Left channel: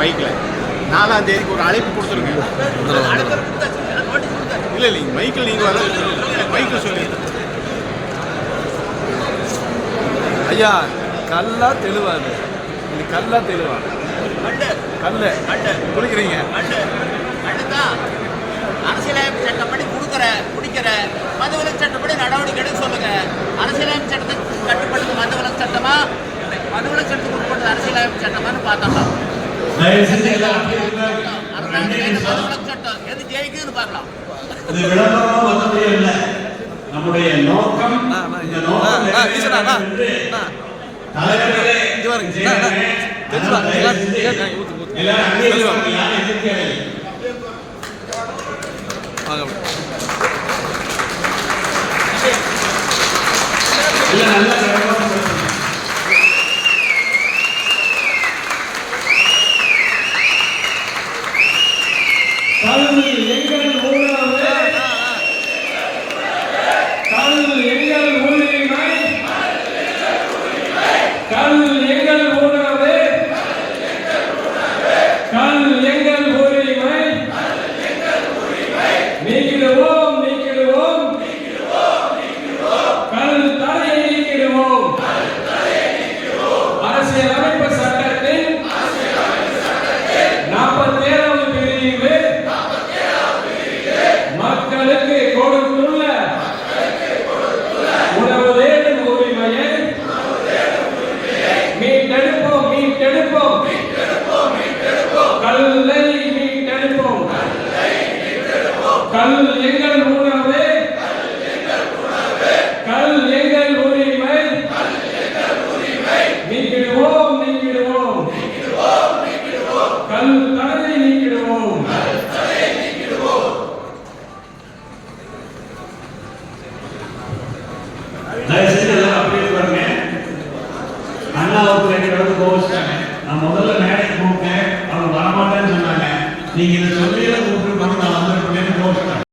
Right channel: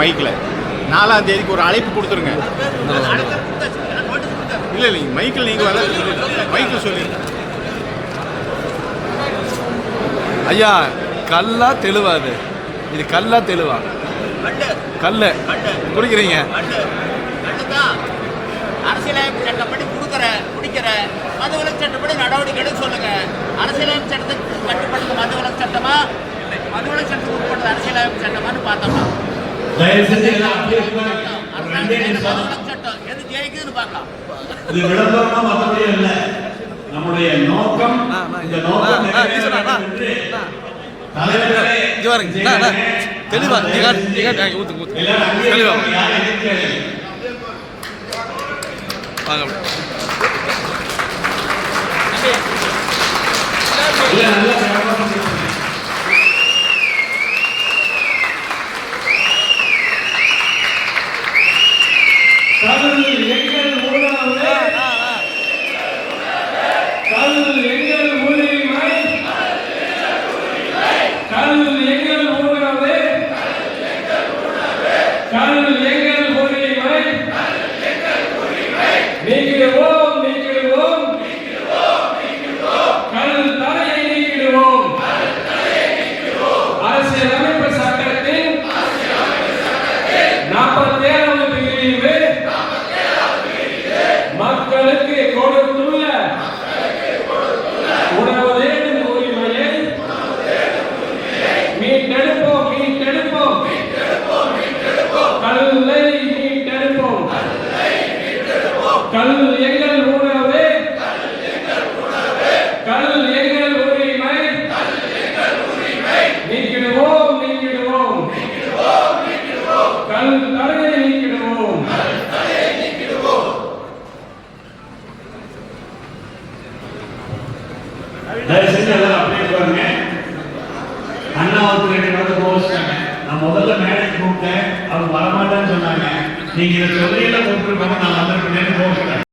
மைக்கில் 4ஆம் தேதிக்கு ஒரு அழைப்பு கொடுத்துருங்க. இல்லை இல்லை மைக்கில் நீங்கள் வர மைக்கில் சொல்லி ஐயா கல்லா தெளிவாது இது கல்லா தெளிவா கல்ல குடிக்கிறீங்க அரசியலமைப்பு சட்டப்படி குடிக்கிற மதுவிலக்கு சட்டப்படி நடவடிக்கை எடுக்க சொல்லுங்க. அரசியலமைப்பு சட்டத்துக்கு கட்டுப்பட்டது மதுவிலக்கு சட்டமா இல்லை மதுவிலக்கு சட்டத்துக்கு உட்பட்டது அரசியலமைப்பு சட்டமானு பார்த்தோம்னா மதுவிலக்கு சட்டம் எது ஜெயிக்குதுன்னு பார்க்கலாம். இது விளம்பரமா மற்றபடி இல்லை. நம்முடைய நோக்கம் இந்த நோக்கம் நான் முதல்ல மேடைக்கு கூப்பிட்டேன், அவங்க வரமாட்டேன்னு சொன்னாங்க. நீங்க இதை சொல்லியில கூப்பிட்டு